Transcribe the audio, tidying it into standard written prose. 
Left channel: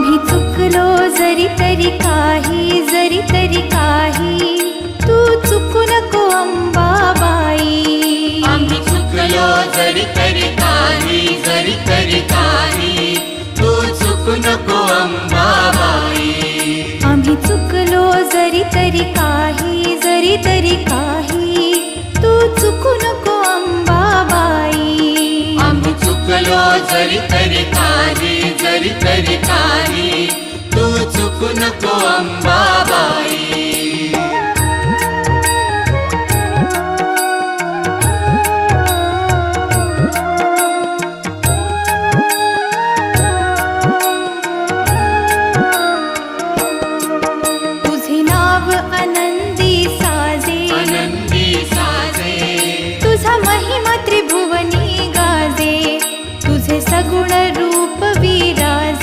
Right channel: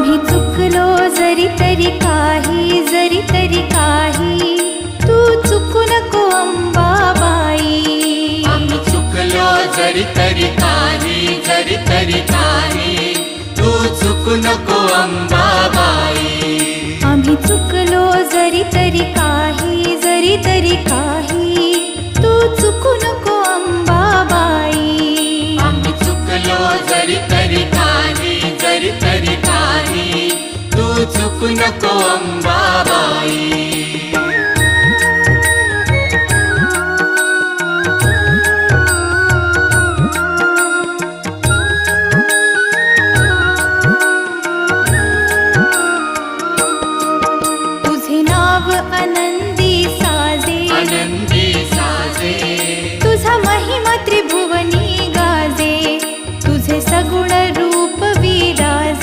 आम्ही चुकलो जरी तरी काही, जरी तरी काही, तू चुकू नको अंबाबाई. आम्ही चुकलो जरी तरी काही, जरी तरी काही, तू चुकू नको अंबाबाई. आम्ही चुकलो जरी तरी काही, जरी तरी काही, तू चुकू नको अंबाबाई. आम्ही चुकलो जरी तरी काही, जरी तरी काही, तू चुकू नको अंबाबाई. तुझे नाव आनंदी साजे, आनंदी साजे, तुझा महिमा त्रिभुवनी गाजे. तुझे सगुण रूप